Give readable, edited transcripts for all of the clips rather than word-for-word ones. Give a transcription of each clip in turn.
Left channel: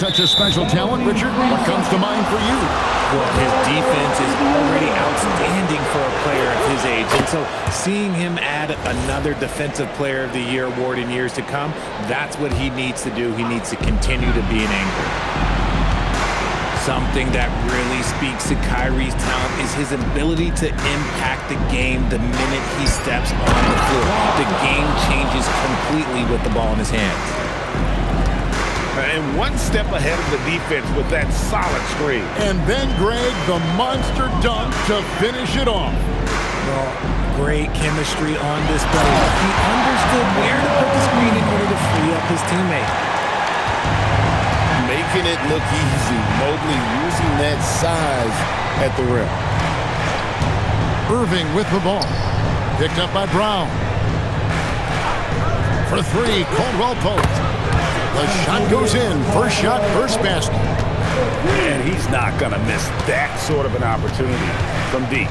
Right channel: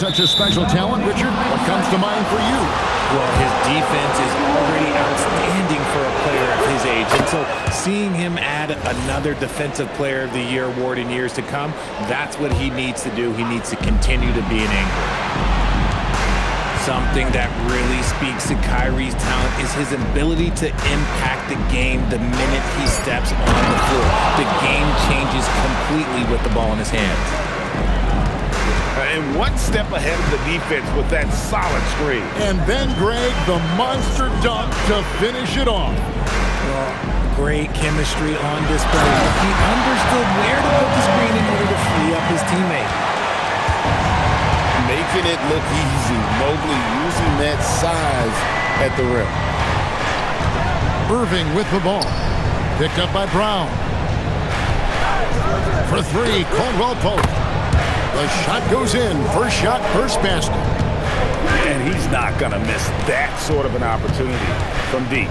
such a special talent, Richard, what comes to mind for you? Well, his defense is already outstanding for a player of his age. And so seeing him add another Defensive Player of the Year award in years to come, that's what he needs to do. He needs to continue to be an anchor. Something that really speaks to Kyrie's talent is his ability to impact the game the minute he steps on the floor. The game changes completely with the ball in his hands. And one step ahead of the defense with that solid screen. And then, Greg, the monster dunk to finish it off. Well, great chemistry on display. He understood where to put the screen in order to free up his teammate. Making it look easy. Mobley using that size at the rim. Irving with the ball. Picked up by Brown. For three, Caldwell Pope. The shot goes in. First shot, first basket. And he's not going to miss that sort of an opportunity from deep.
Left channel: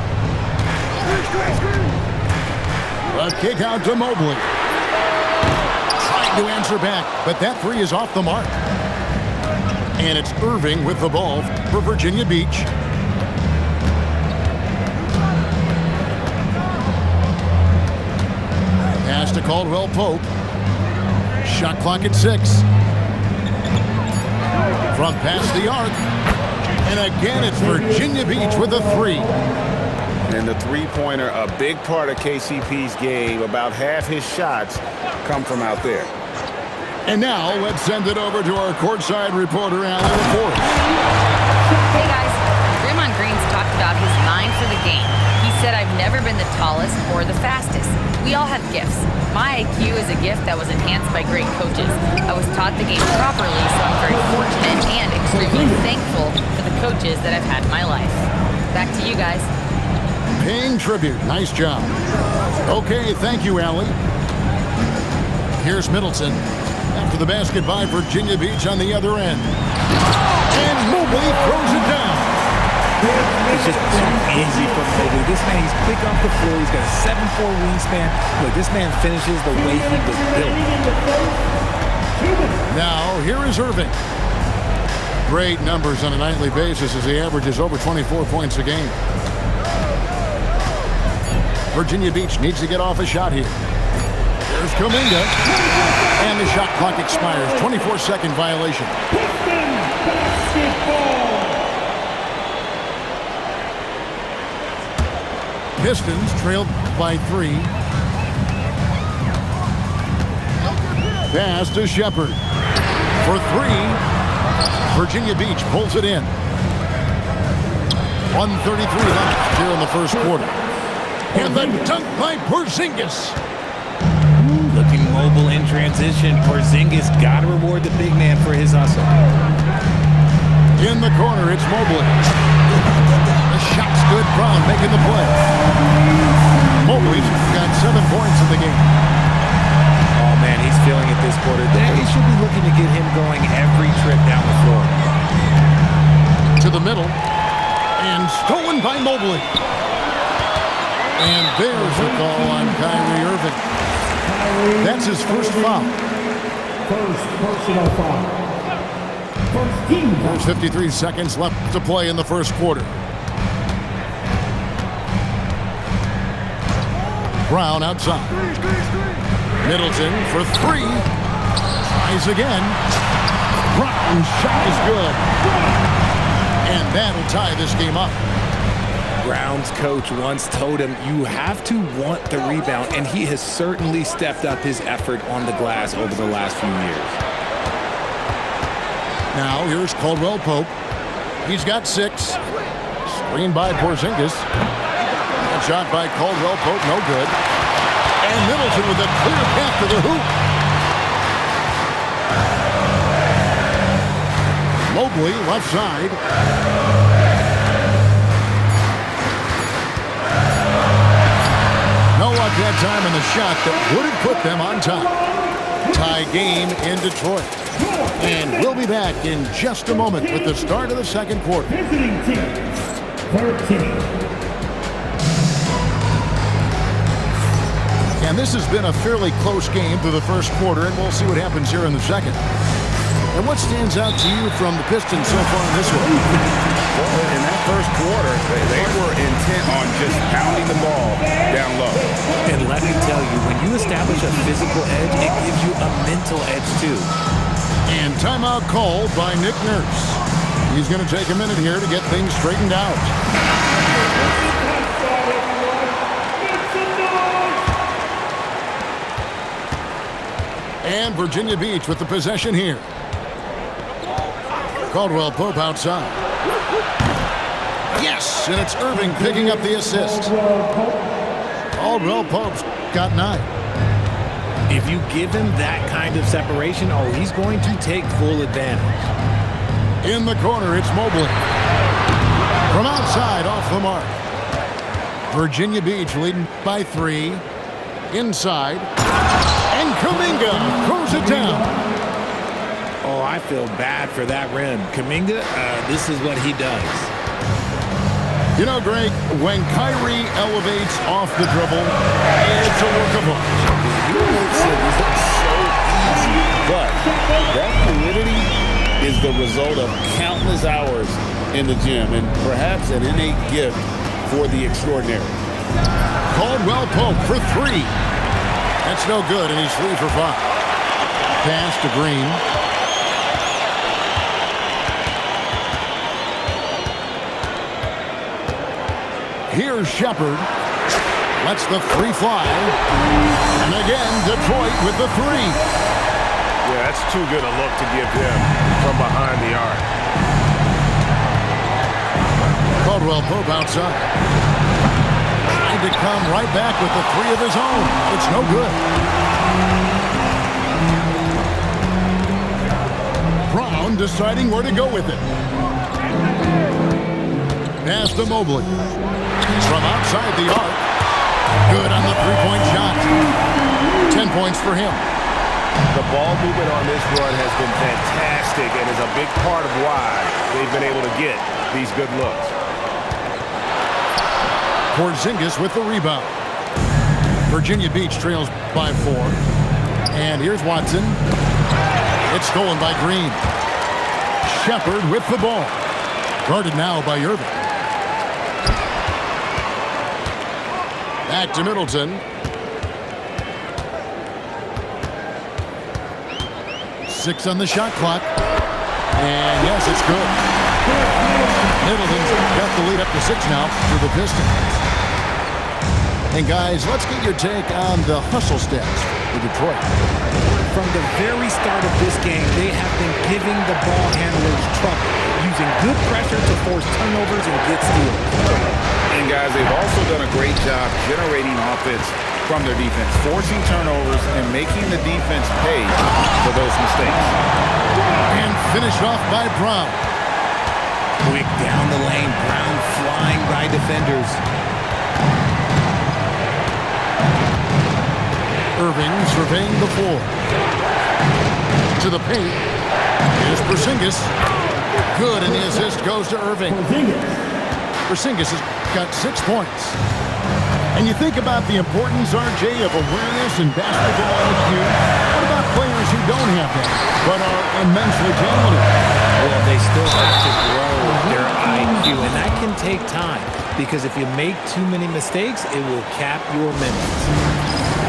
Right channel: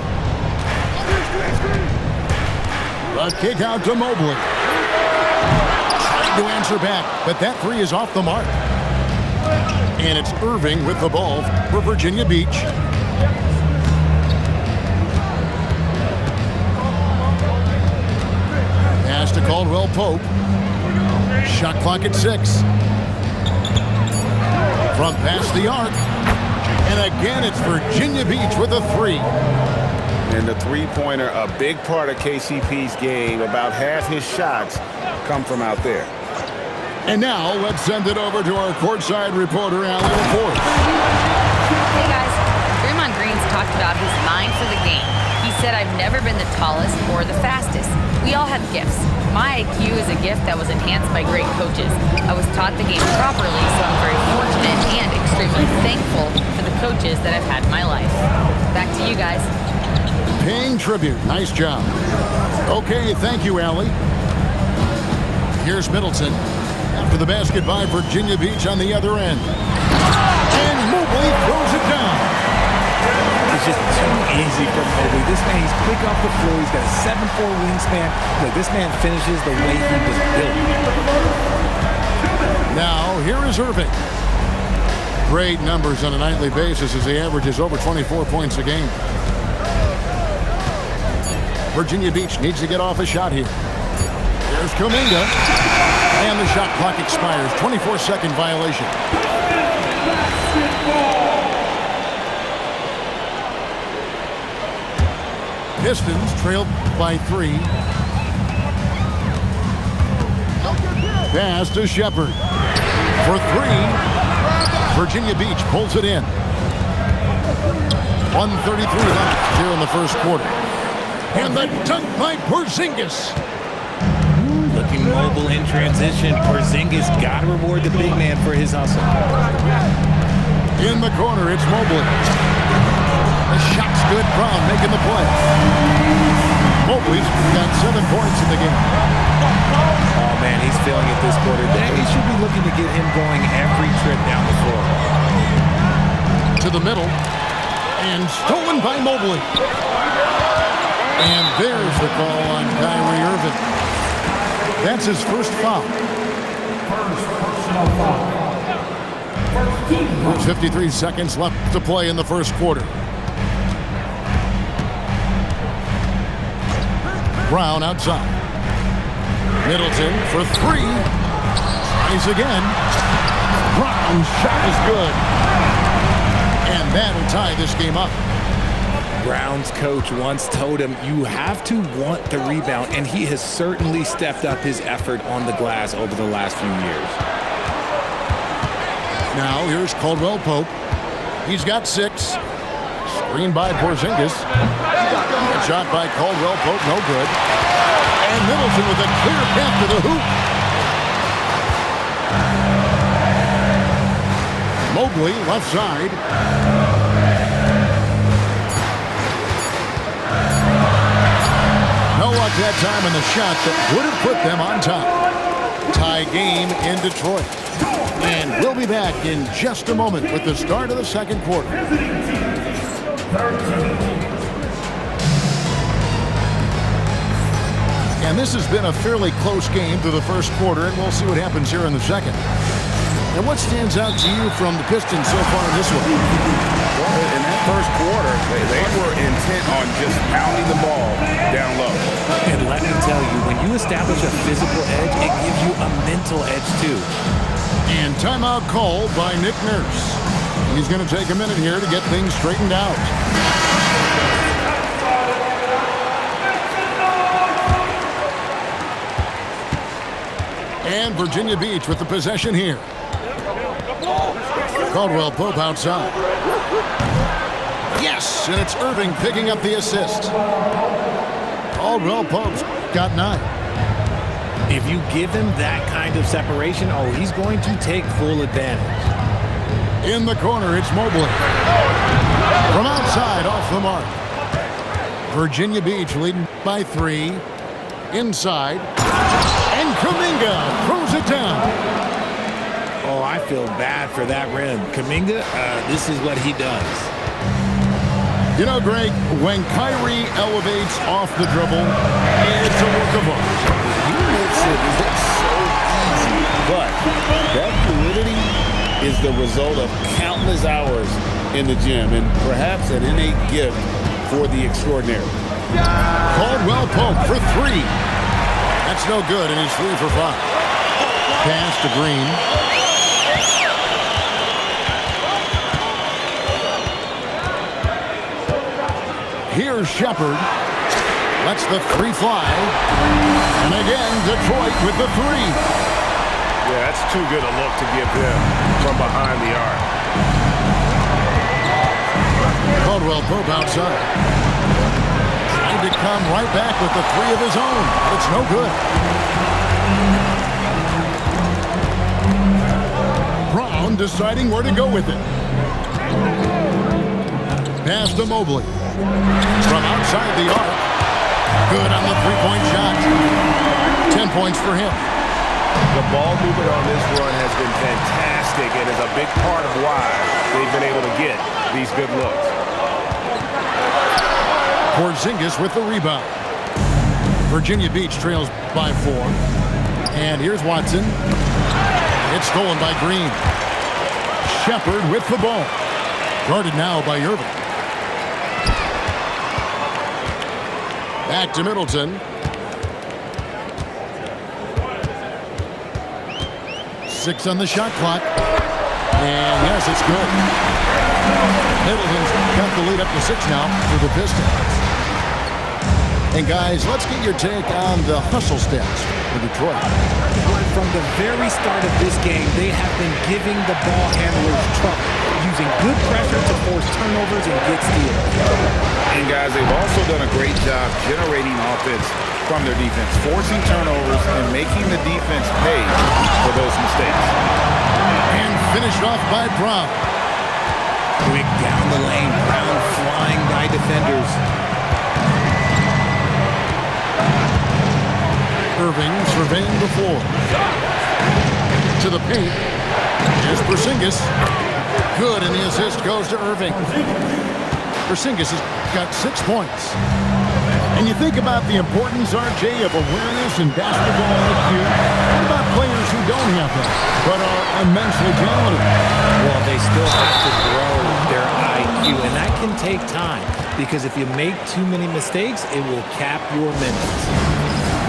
The kick out to Mobley. Trying to answer back, but that three is off the mark. And it's Irving with the ball for Virginia Beach. Pass to Caldwell Pope. Shot clock at 6. From past the arc. And again, it's Virginia Beach with a three. And the three-pointer, a big part of KCP's game. About half his shots come from out there. And now, let's send it over to our courtside reporter, Allie LaForce. Hey, guys. Draymond Green's talked about his mind for the game. He said, I've never been the tallest or the fastest. We all have gifts. My IQ is a gift that was enhanced by great coaches. I was taught the game properly, so I'm very fortunate and extremely thankful for the coaches that I've had in my life. Back to you guys. Paying tribute. Nice job. Okay, thank you, Allie. Here's Middleton. After the basket by Virginia Beach on the other end. And Mobley throws it down. It's just too easy for Mobley. This man, he's quick off the floor. He's got a 7'4" wingspan. Look, this man finishes the way he was built. Now, here is Irving. Great numbers on a nightly basis as he averages over 24 points a game. Virginia Beach needs to get off a shot here. Here's Kuminga. And the shot clock expires. 24-second violation. Pistons trailed by 3. Pass to Shepherd. For 3. Virginia Beach pulls it in. 1:33 left here in the first quarter. And the dunk by Porzingis. Looking mobile in transition. Porzingis got to reward the big man for his hustle. In the corner, it's Mobley. The shot's good. Brown making the play. Mobley's got 7 points in the game. Oh, man, he's feeling it this quarter. They should be looking to get him going every trip down the floor. To the middle. And stolen by Mobley. And there's the call on Kyrie Irving. That's his first foul. First personal foul. There's 53 seconds left to play in the first quarter. Brown outside. Middleton for 3. Tries again. Brown's shot is good. And that'll tie this game up. Brown's coach once told him, you have to want the rebound, and he has certainly stepped up his effort on the glass over the last few years. Now here's Caldwell Pope. He's got 6. Screen by Porzingis. A shot by Caldwell Pope, no good. And Middleton with a clear path to the hoop. Mobley left side. No luck that time in the shot that would have put them on top. Tie game in Detroit. And we'll be back in just a moment with the start of the second quarter. Visiting team, 13. And this has been a fairly close game through the first quarter, and we'll see what happens here in the second. And what stands out to you from the Pistons so far in this one? Well, in that first quarter, they were intent on just pounding the ball down low. And let me tell you, when you establish a physical edge, it gives you a mental edge too. And timeout called by Nick Nurse. He's going to take a minute here to get things straightened out. And Virginia Beach with the possession here. Caldwell Pope outside. Yes, and it's Irving picking up the assist. Caldwell Pope's got 9. If you give him that kind of separation, oh, he's going to take full advantage. In the corner, it's Mobley. From outside, off the mark. Virginia Beach leading by 3. Inside. And Kuminga throws it down. Oh, I feel bad for that rim. Kuminga, this is what he does. You know, Greg, when Kyrie elevates off the dribble, it's a work of art. He makes it look so easy, but that fluidity is the result of countless hours in the gym and perhaps an innate gift for the extraordinary. Caldwell Pope for 3. That's no good, and he's 3 for 5. Pass to Green. Here's Shepard. Lets the 3 fly. And again, Detroit with the 3. Yeah, that's too good a look to give him from behind the arc. Caldwell Pope outside. Trying to come right back with the 3 of his own, but it's no good. Brown deciding where to go with it. Pass to Mobley. From outside the arc. Good on the 3-point shot. 10 points for him. The ball movement on this run has been fantastic and is a big part of why they've been able to get these good looks. Porzingis with the rebound. Virginia Beach trails by 4. And here's Watson. It's stolen by Green. Shepard with the ball. Guarded now by Irving. Back to Middleton. 6 on the shot clock. And yes, it's good. Middleton's got the lead up to 6 now for the Pistons. And guys, let's get your take on the hustle stats for Detroit. From the very start of this game, they have been giving the ball handlers trouble, using good pressure to force turnovers and get steals. And guys, they've also done a great job generating offense from their defense, forcing turnovers and making the defense pay for those mistakes. And finished off by Brown. Quick down the lane, Brown flying by defenders. Irving surveying the floor. To the paint. Here's Porzingis. Good, and the assist goes to Irving. Porzingis has got 6 points. And you think about the importance, RJ, of awareness and basketball IQ. What about players who don't have that, but are immensely talented? Well, they still have to grow their IQ, and that can take time because if you make too many mistakes, it will cap your minutes.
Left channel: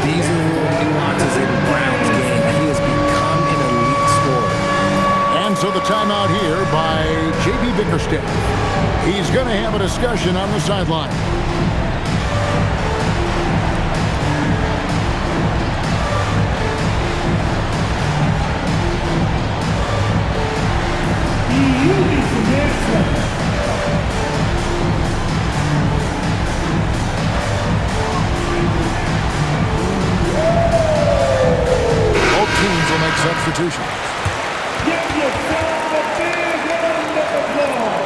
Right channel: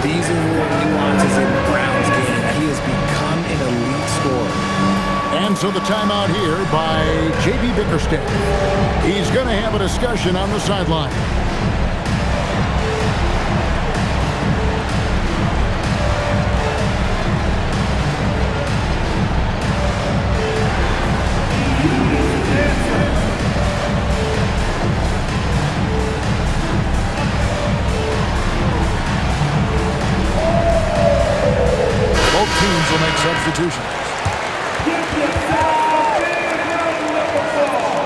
These are little nuances in Brown's game. He has become an elite scorer. And so the timeout here by J.B. Bickerstaff. He's going to have a discussion on the sideline. Both teams will make substitutions. Give yourself a big round of applause.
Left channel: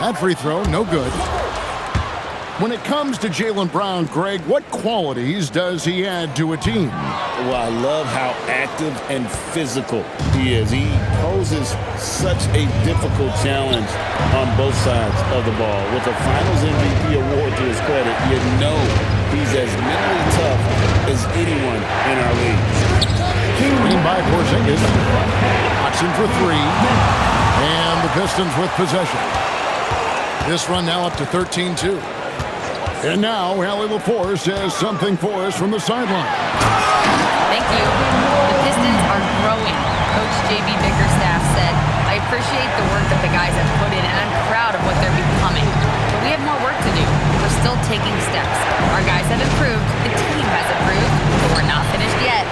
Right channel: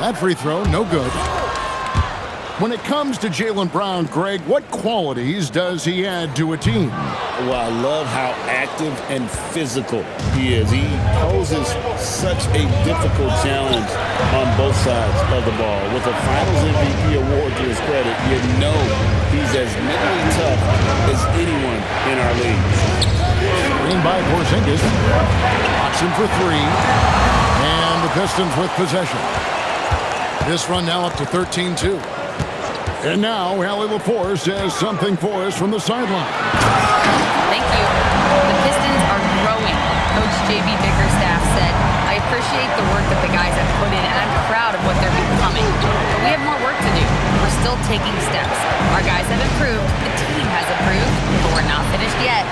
That free throw, no good. When it comes to Jaylen Brown, Greg, what qualities does he add to a team? Well, I love how active and physical he is. He poses such a difficult challenge on both sides of the ball. With a Finals MVP award to his credit, you know he's as mentally tough as anyone in our league. Screen by Porzingis. Oxen for three. And the Pistons with possession. This run now up to 13-2. And now Allie LaForce has something for us from the sideline. Thank you. The Pistons are growing. Coach J.B. Bickerstaff said, I appreciate the work that the guys have put in, and I'm proud of what they're becoming. But we have more work to do. We're still taking steps. Our guys have improved. The team has improved. But we're not finished yet.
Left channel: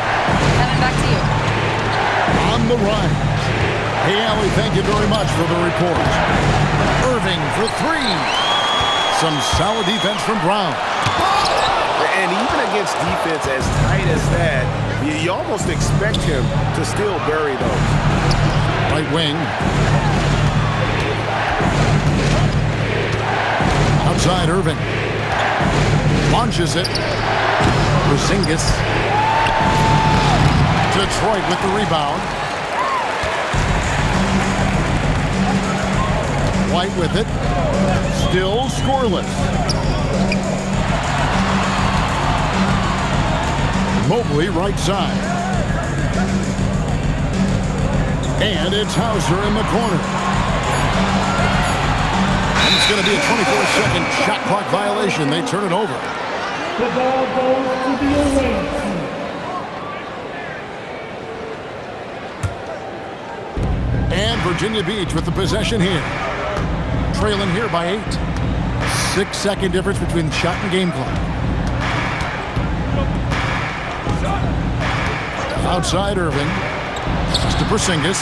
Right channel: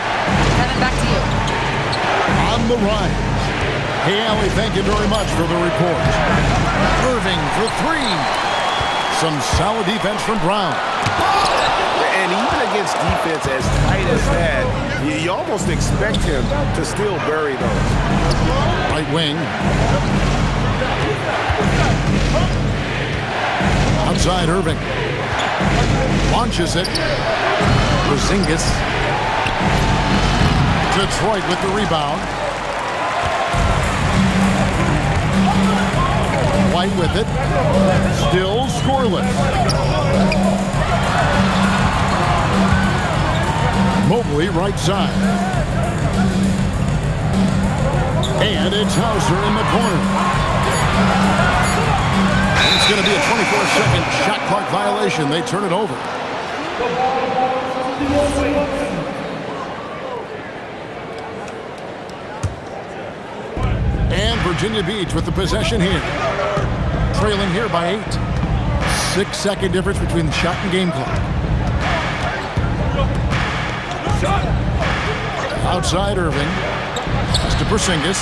Kevin, back to you. On the rise. Hey, Allie, thank you very much for the report. Irving for three. Some solid defense from Brown. And even against defense as tight as that, you almost expect him to still bury those. Right wing. Outside Irving. Launches it. Porzingis. Detroit with the rebound. White with it. Still scoreless. Mobley right side. And it's Hauser in the corner. And it's going to be a 24-second shot clock violation. They turn it over. The ball goes to the away team. And Virginia Beach with the possession here. Trailing here by 8. 6-second difference between the shot and game clock. Outside Irving. Pass to Porzingis.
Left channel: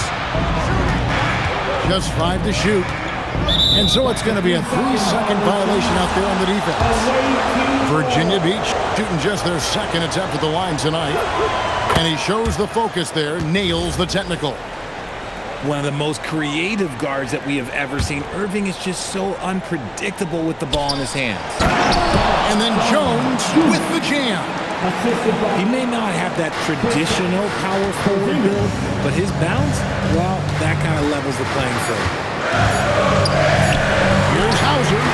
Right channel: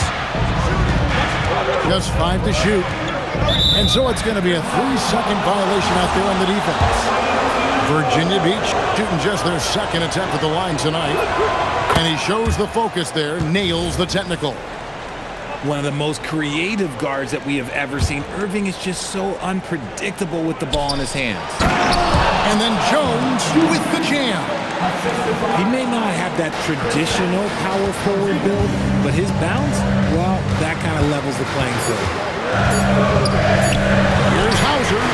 Just 5 to shoot. And so it's going to be a 3-second violation out there on the defense. Virginia Beach shooting just their second attempt at the line tonight. And he shows the focus there, nails the technical. One of the most creative guards that we have ever seen. Irving is just so unpredictable with the ball in his hands. And then Jones with the jam. He may not have that traditional power forward build, but his bounce, well, that kind of levels the playing field. Here's Hauser.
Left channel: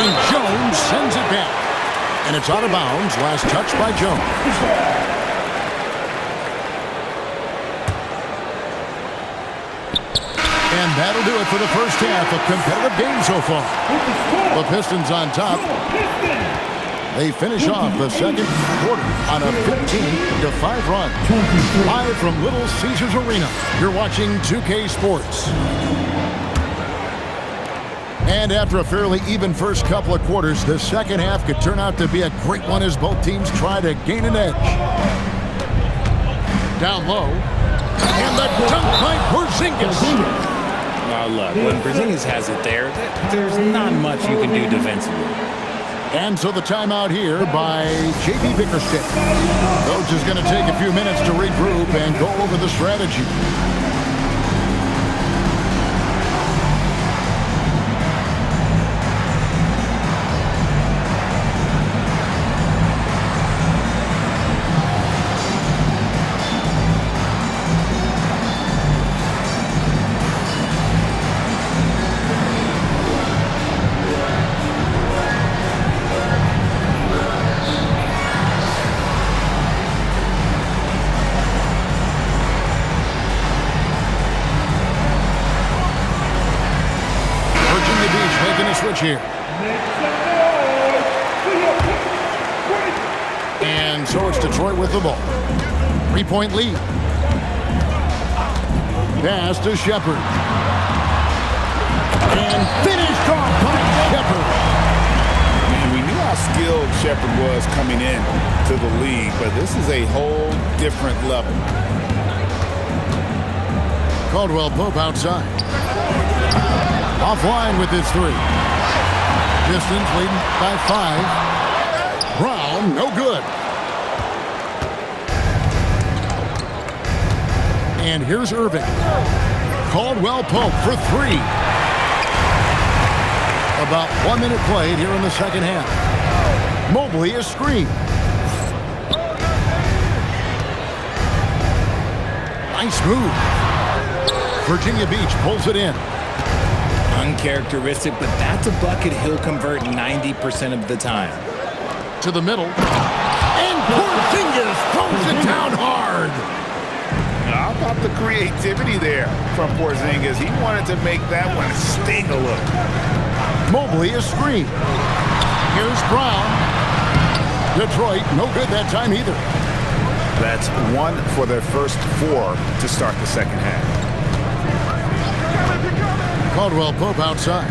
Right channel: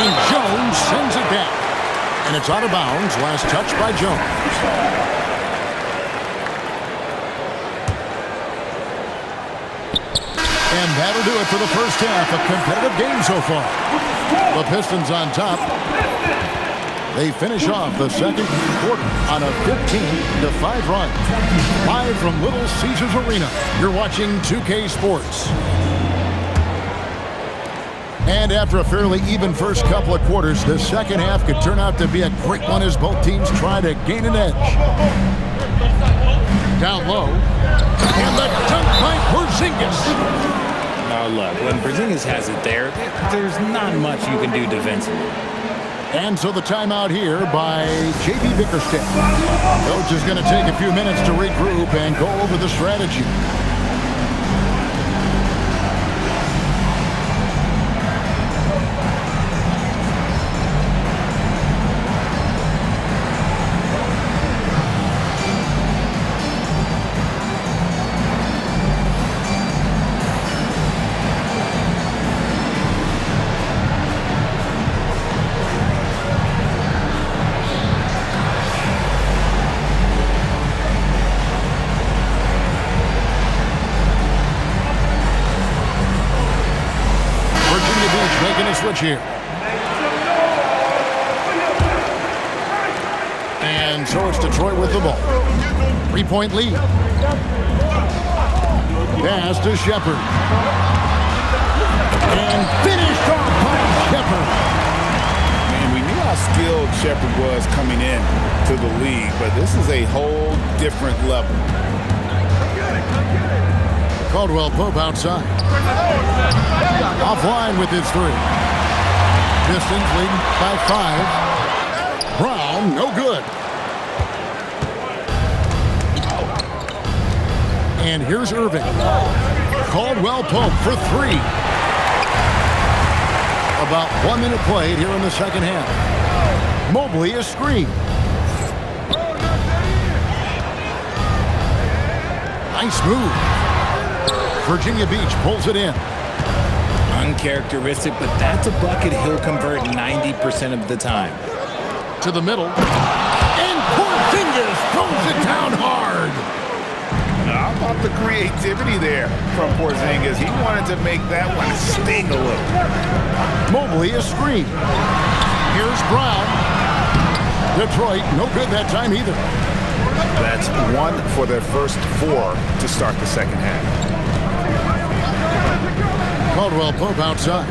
And Jones sends it back. And it's out of bounds. Last touch by Jones. And that'll do it for the first half. A competitive game so far. The Pistons on top. They finish off the second quarter on a 15-5 run. Live from Little Caesars Arena, you're watching 2K Sports. And after a fairly even first couple of quarters, the second half could turn out to be a great one as both teams try to gain an edge. Down low. And the dunk by Porzingis. Now look, when Porzingis has it there, there's not much you can do defensively. And so the timeout here by J.B. Bickerstaff. Coach is going to take a few minutes to regroup and go over the strategy. Virginia Beach making a switch here. And so it's Detroit with the ball. 3-point lead. Pass to Shepard. And finished off by Shepard. Man, we knew how skilled Shepard was coming in to the league, but this is a whole different level. Caldwell Pope outside. Offline with his 3. Pistons leading by 5. Brown, no good. And here's Irving. Caldwell Pope for 3. About 1 minute played here in the second half. Mobley is screened. Nice move. Virginia Beach pulls it in. Uncharacteristic, but that's a bucket he'll convert 90% of the time. To the middle. And Porzingis throws it down hard. How about the creativity there from Porzingis? He wanted to make that one sting a little. Mobley a screen. Here's Brown. Detroit, no good that time either. That's 1 for their first 4 to start the second half. Caldwell Pope outside.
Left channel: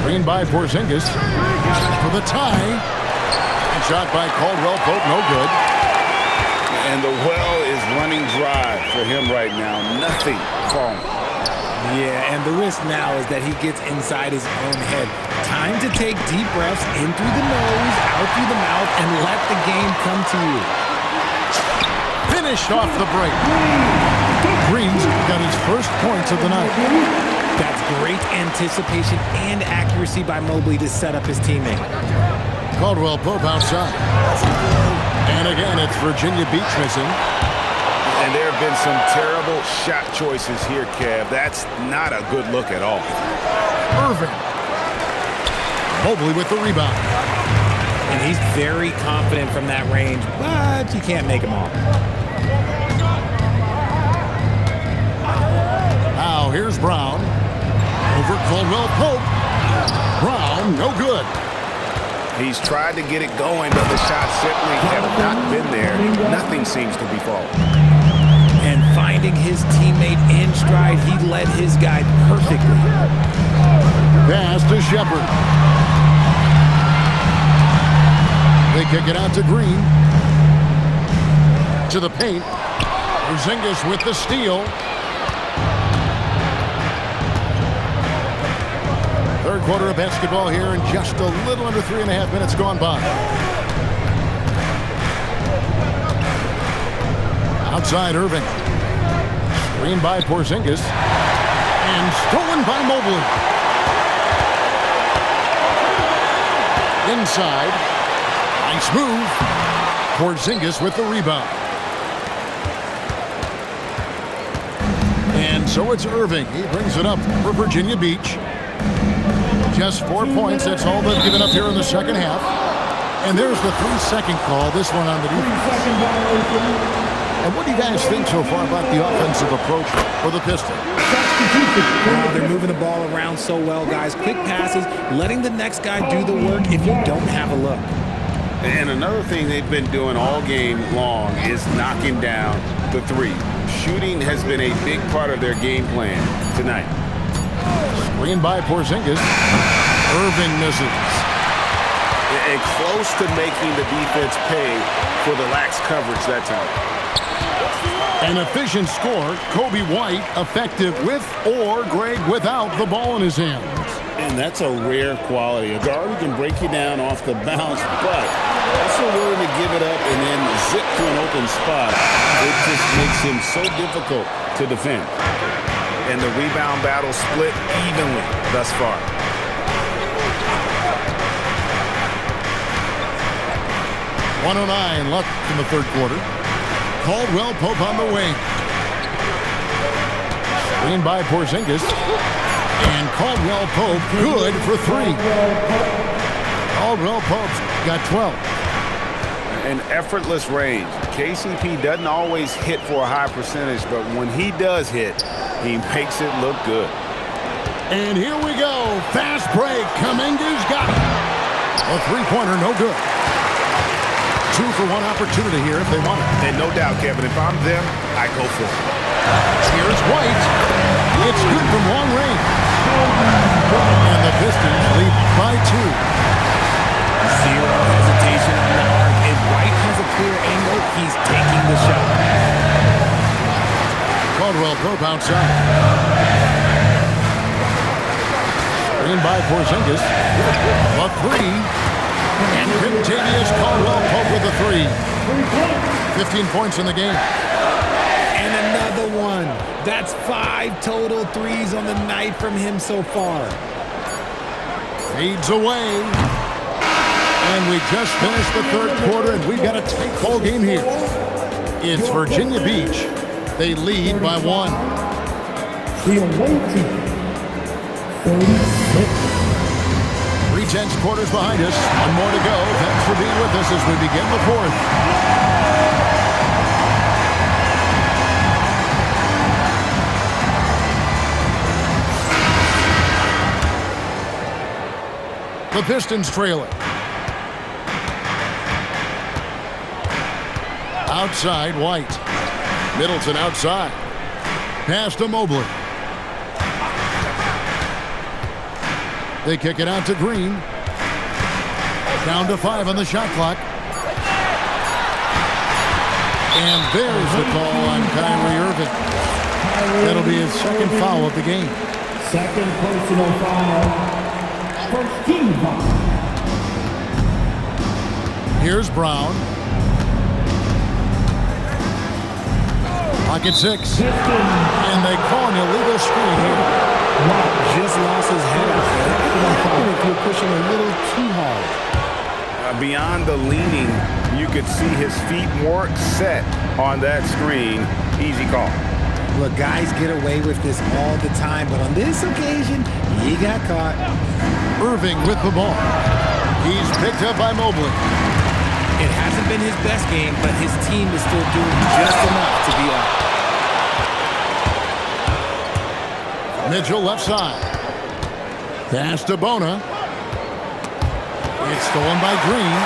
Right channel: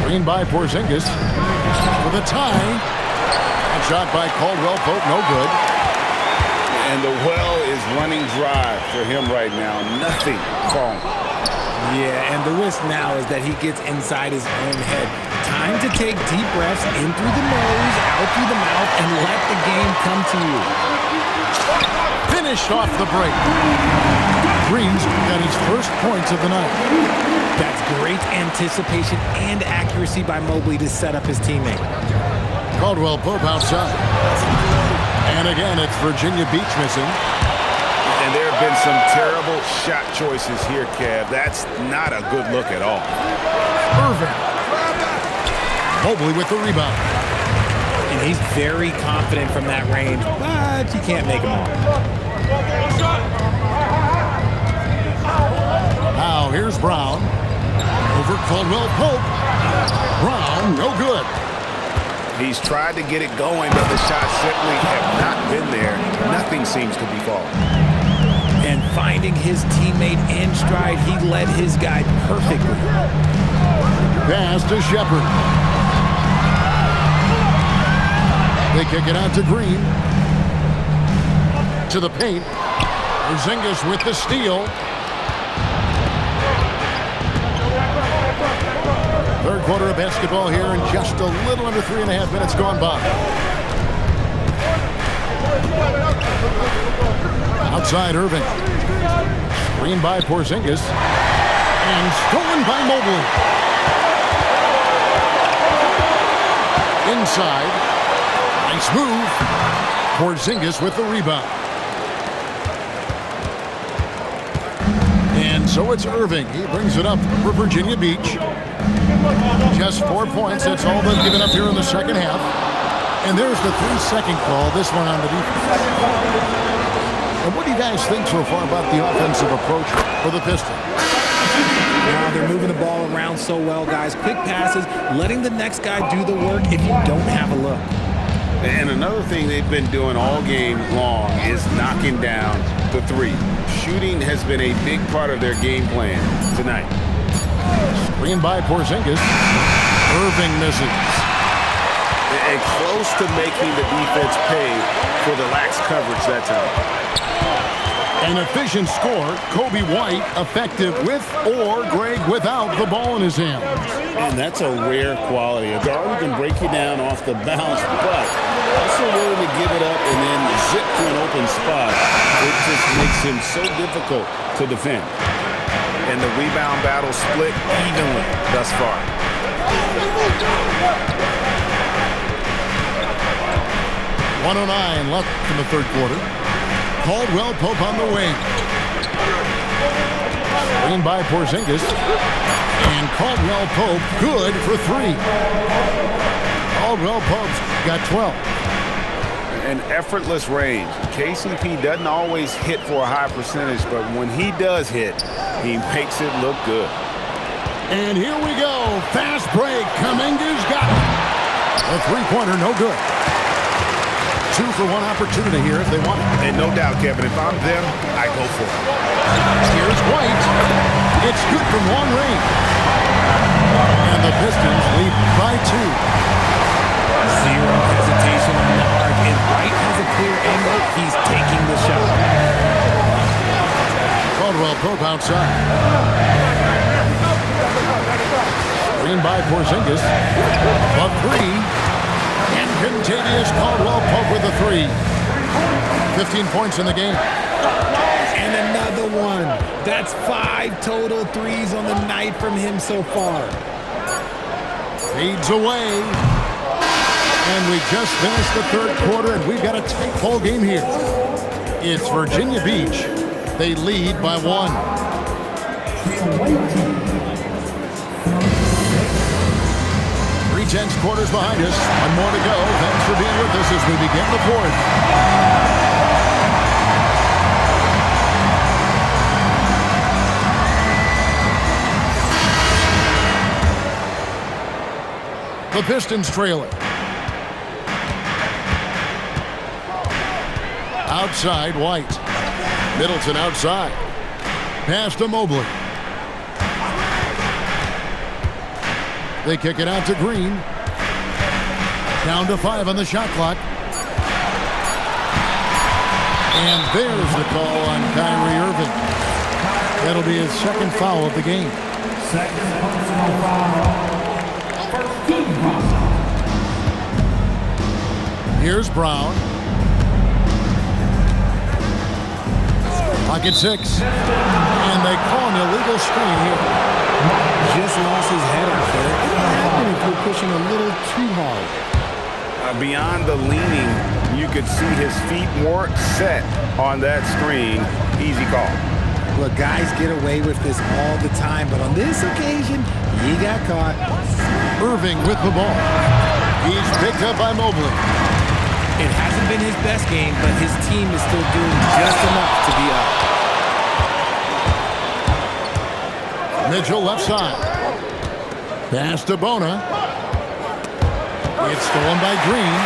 Screen by Porzingis for the tie. And shot by Caldwell Pope, no good. And the well is running dry for him right now. Nothing falling. Yeah, and the risk now is that he gets inside his own head. Time to take deep breaths in through the nose, out through the mouth, and let the game come to you. Finished off the break. Green's got his first points of the night. That's great anticipation and accuracy by Mobley to set up his teammate. Caldwell Pope outside. And again, it's Virginia Beach missing. And there have been some terrible shot choices here, Kev. That's not a good look at all. Irving. Mobley with the rebound. And he's very confident from that range, but you can't make him all. Now here's Brown. Over Caldwell Pope. Brown, no good. He's tried to get it going, but the shots simply have not been there. Nothing seems to be falling. And finding his teammate in stride, he led his guy perfectly. Pass to Shepard. They kick it out to Green. To the paint. Porzingis with the steal. Third quarter of basketball here, and just a little under 3.5 minutes gone by. Outside Irving. Screen by Porzingis. And stolen by Mobley. Inside. Nice move. Porzingis with the rebound. And so it's Irving. He brings it up for Virginia Beach. Just 4 points. That's all they've given up here in the second half. And there's the 3-second call, this one on the defense. And what do you guys think so far about the offensive approach for the Pistons? Wow, they're moving the ball around so well, guys. Quick passes, letting the next guy do the work if you don't have a look. And another thing they've been doing all game long is knocking down the three. Shooting has been a big part of their game plan tonight. Screen by Porzingis. Irving misses. And close to making the defense pay for the lax coverage that time. An efficient score. Kobe White effective with or Greg without the ball in his hands. And that's a rare quality. A guard who can break you down off the bounce, but also willing to give it up and then zip to an open spot. It just makes him so difficult to defend. And the rebound battle split evenly thus far. .109 left in the third quarter. Caldwell Pope on the wing. Screen by Porzingis. And Caldwell Pope good for 3. Caldwell Pope's got 12. An effortless range. KCP doesn't always hit for a high percentage, but when he does hit, he makes it look good. And here we go. Fast break. Kuminga's got it. A three-pointer, no good. 2 for 1 opportunity here if they want it. And no doubt, Kevin, if I'm them, I go for it. Here's White. It's good from long range. And the Pistons lead by 2. Zero hesitation on the arc. If White has a clear angle, he's taking the shot. Caldwell Pope outside. Screen by Porzingis. A 3. And Kentavious Caldwell Pope with a 3. 15 points in the game. And another one. That's 5 total threes on the night from him so far. Fades away. And we just finished the third quarter, and we've got a tight ball game here. It's Virginia Beach They lead by 1. The away team, 36. 3/10 quarters behind us. One more to go. Thanks for being with us as we begin the 4th. The Pistons trail it. Outside, White. Middleton outside. Pass to Mobley. They kick it out to Green. Down to 5 on the shot clock. And there's the call on Kyrie Irving. That'll be his second foul of the game. Second personal foul. First team foul. Here's Brown. Pocket 6. And they call an illegal screen here. Just lost his head out there. It will happen if you're pushing a little too hard. Beyond the leaning, you could see his feet weren't set on that screen. Easy call. Look, guys get away with this all the time, but on this occasion, he got caught. Irving with the ball. He's picked up by Mobley. It hasn't been his best game, but his team is still doing just enough to be up. Mitchell left side. Pass to Bona. It's stolen by Green.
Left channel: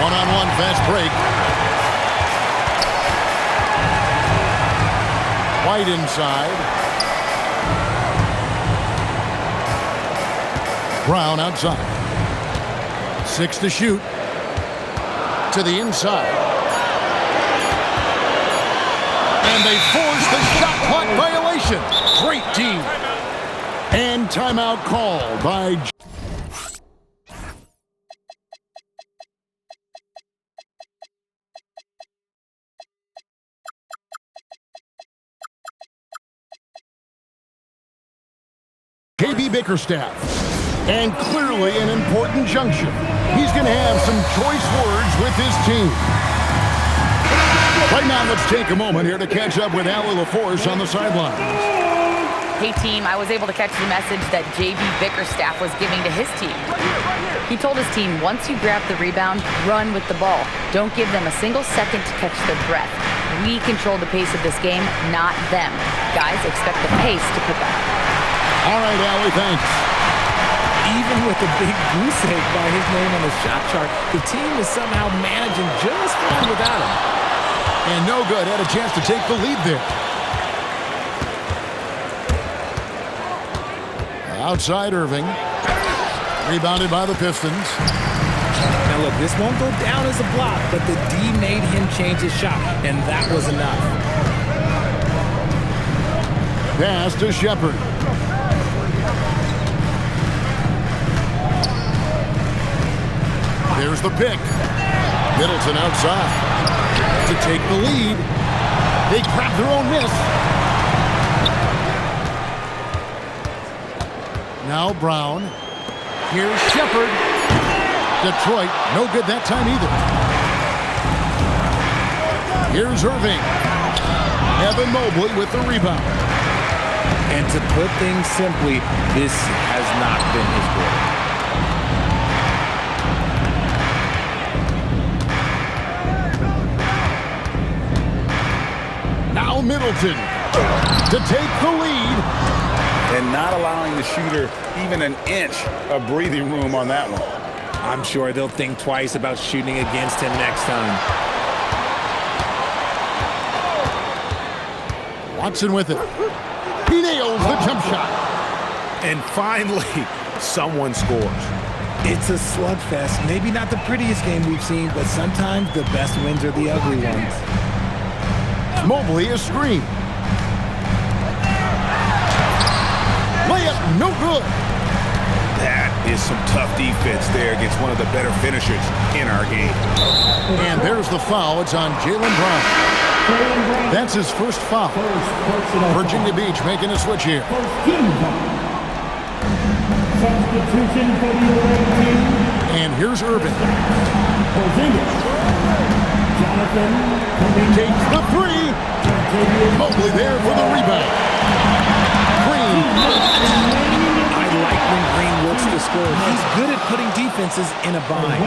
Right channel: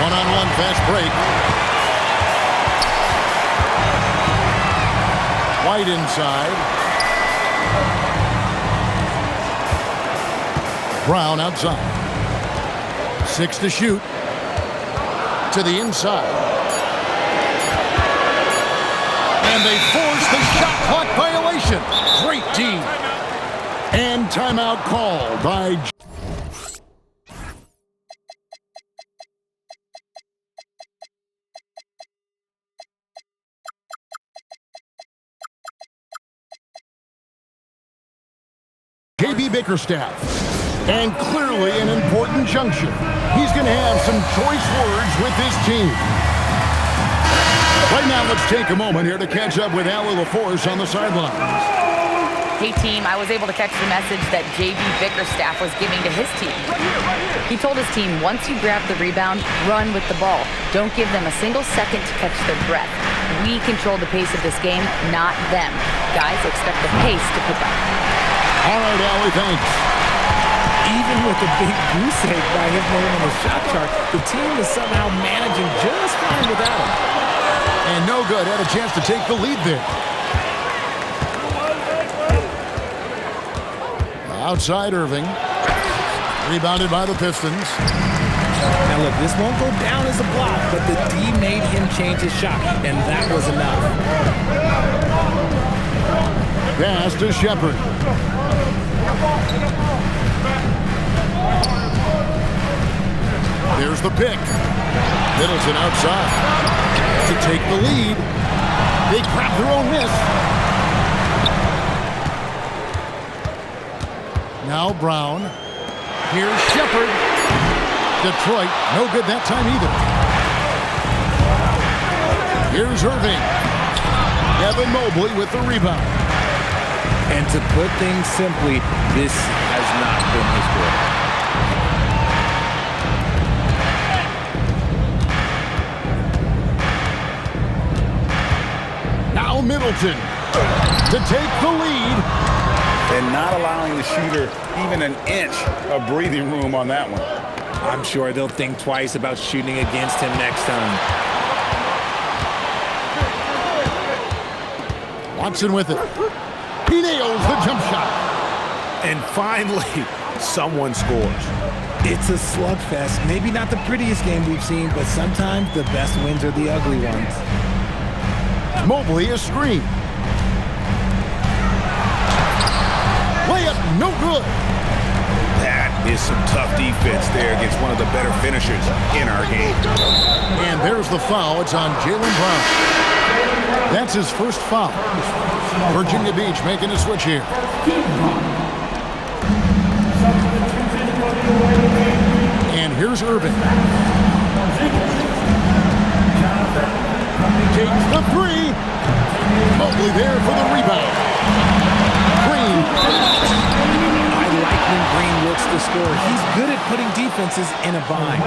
One-on-one fast break. White inside. Brown outside. 6 to shoot. To the inside. And they force the shot clock violation. Great team. And timeout called by JB Bickerstaff. And clearly an important juncture. He's going to have some choice words with his team. Right now, let's take a moment here to catch up with Allie LaForce on the sidelines. Hey team, I was able to catch the message that JB Bickerstaff was giving to his team. He told his team, once you grab the rebound, run with the ball. Don't give them a single second to catch their breath. We control the pace of this game, not them. Guys, expect the pace to pick up. All right, Allie, thanks. Even with a big goose egg by his name on the shot chart, the team is somehow managing just fine without him. And no good. Had a chance to take the lead there. Outside Irving. Rebounded by the Pistons. Now look, this won't go down as a block, but the D made him change his shot, and that was enough. Pass to Shepherd. There's the pick. Middleton outside. To take the lead. They grab their own miss. Now Brown. Here's Shepherd. Detroit, no good that time either. Here's Irving. Evan Mobley with the rebound. And to put things simply, this has not been his quarter. Now Middleton to take the lead. And not allowing the shooter even an inch of breathing room on that one. I'm sure they'll think twice about shooting against him next time. Watson with it. He nails the jump shot. And finally, someone scores. It's a slugfest. Maybe not the prettiest game we've seen, but sometimes the best wins are the ugly ones. Mobley a screen. Layup no good. That is some tough defense there against one of the better finishers in our game. And there's the foul. It's on Jaylen Brown. That's his first foul. Virginia Beach making a switch here. Substitution for the away team. And here's Irving. Jonathan coming. Takes the three. Mobley there for the rebound. Green. I like when Green looks to score. He's good at putting defenses in a bind.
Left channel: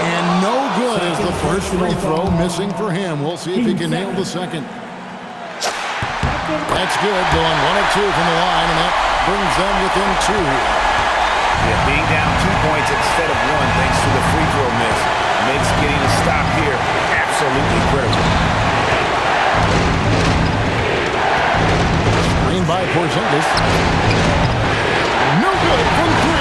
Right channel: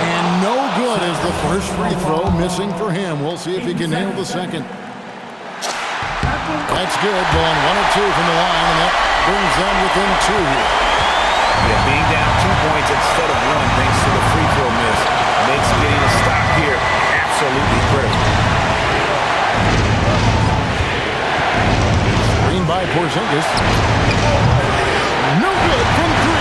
And no good as the first free throw missing for him. We'll see if he can nail the second. That's good, going 1 of 2 from the line, and that brings them within 2 here. Yeah, being down 2 points instead of 1 thanks to the free throw miss makes getting a stop here absolutely critical. Screen by Porzingis. No good from 3.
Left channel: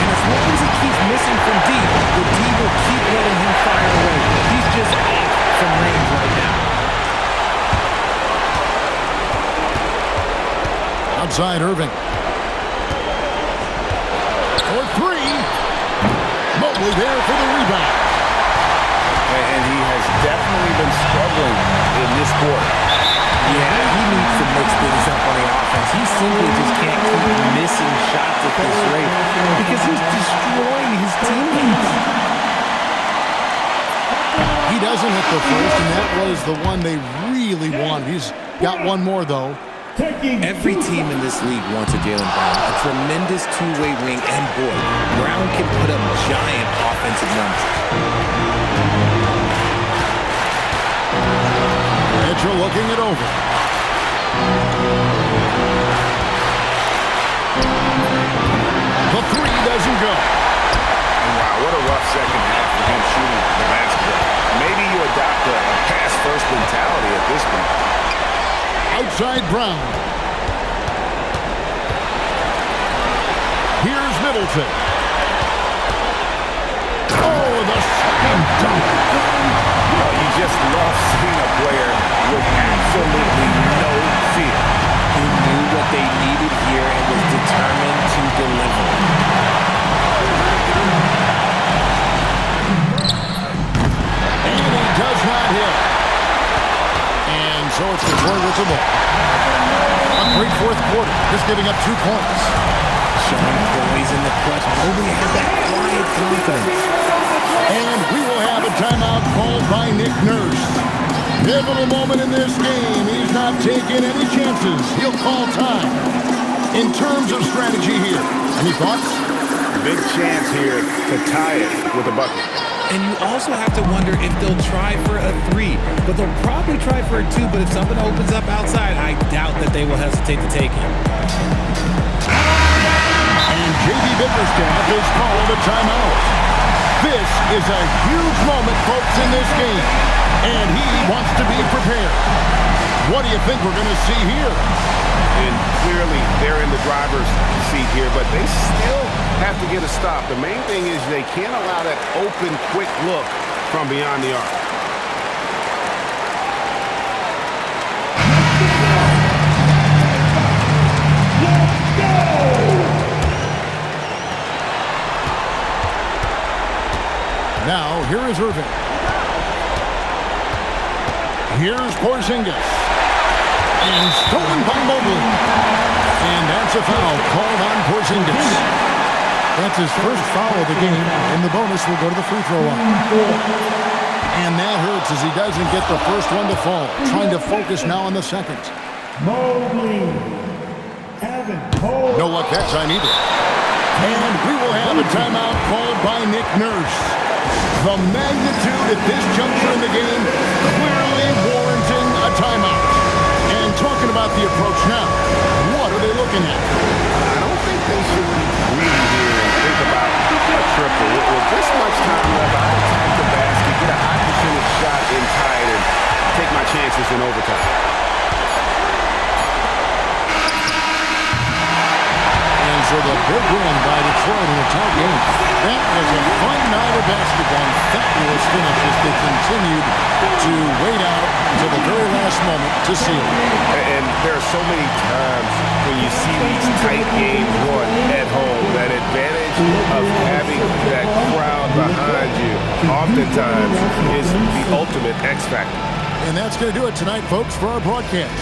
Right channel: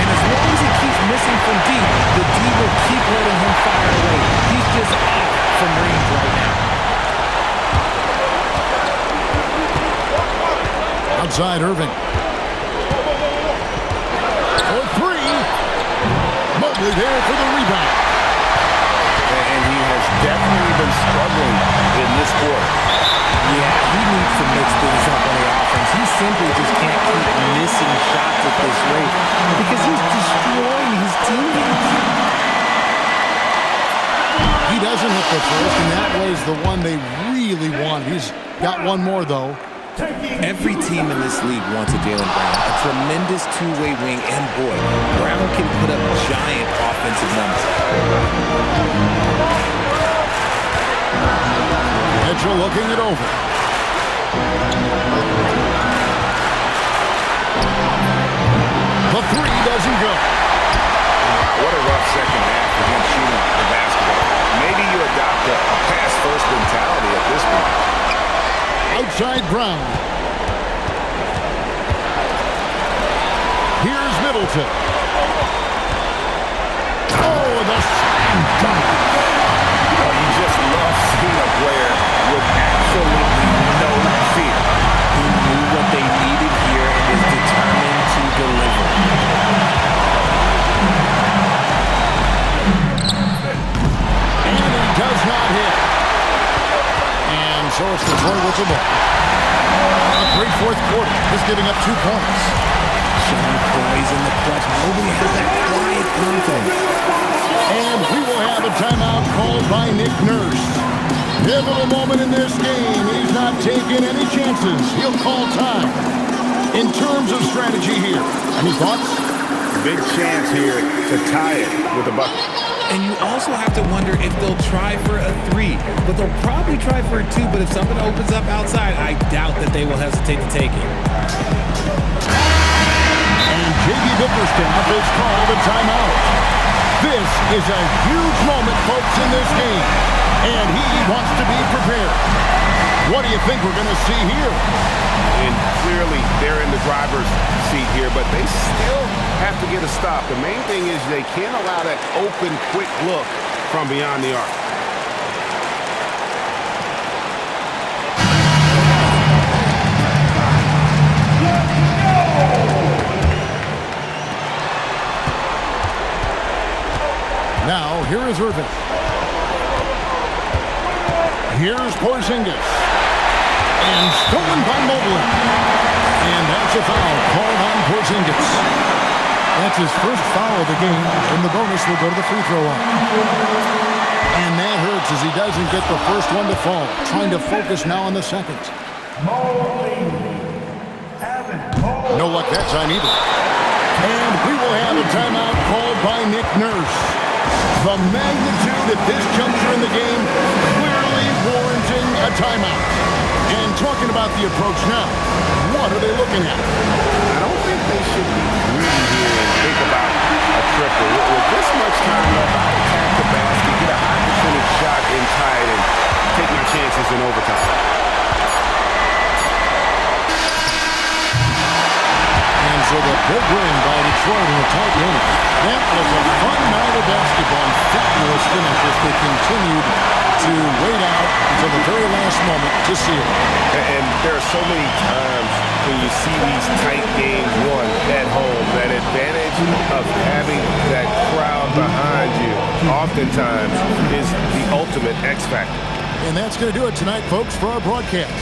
And as long as he keeps missing from deep, the D will keep letting him fire away. He's just off from range right now. Outside Irving. For 3. Mobley there for the rebound. And he has definitely been struggling in this quarter. Yeah, he needs to mix things up on the offense. He simply just can't keep missing shots at this rate because he's destroying his teammates. He doesn't hit the first, and that was the one they really wanted. He's got one more, though. Every team in this league wants a Jaylen Brown, a tremendous two-way wing, and boy, Brown can put up giant offensive numbers. Mitchell looking it over. The 3 doesn't go. Wow, what a rough second half for him shooting the basketball. Maybe you adopt a pass-first mentality at this point. Outside Brown. Here's Middleton. Oh, the slam dunk. Oh, you just love seeing a player with absolutely no fear. He knew what they needed here and was determined to deliver. And he does not hit. And so it's Detroit with the ball. A great fourth quarter, just giving up 2 points. Showing poise in the clutch. Mobley has that quiet confidence. And we will have a timeout called by Nick Nurse. Pivotal moment in this game. He's not taking any chances. He'll call time. In terms of strategy here, any thoughts? Big chance here to tie it with a bucket. And you also have to wonder if they'll try for a 3. But they'll probably try for a 2. But if something opens up outside, I doubt that they will hesitate to take it. And J.B. Bickerstaff is called a timeout. This is a huge moment, folks, in this game. And he wants to be prepared. What do you think we're going to see here? And clearly they're in the driver's seat here, but they still have to get a stop. The main thing is they can't allow that open, quick look from beyond the arc. Now, here is Irving. Here's Porzingis. And stolen by Mobley. And that's a foul called on Porzingis. That's his first foul of the game, and the bonus will go to the free throw line. And that hurts as he doesn't get the first one to fall. Trying to focus now on the second. No luck that time either. And we will have a timeout called by Nick Nurse. The magnitude at this juncture in the game clearly warranting a timeout. And talking about the approach now, what are they looking at? I don't think they should be greedy here and think about a triple. With this much time left, I'd attack the basket, get a high percentage shot in tight, and take my chances in overtime. And so the big win by Detroit in a tight game. That was a fun night of basketball and fabulous finish as they continued to wait out until the very last moment to seal it. And there are so many times when you see these tight games won at home, that advantage of having that crowd behind you oftentimes is the ultimate X factor. And that's going to do it tonight, folks, for our broadcast.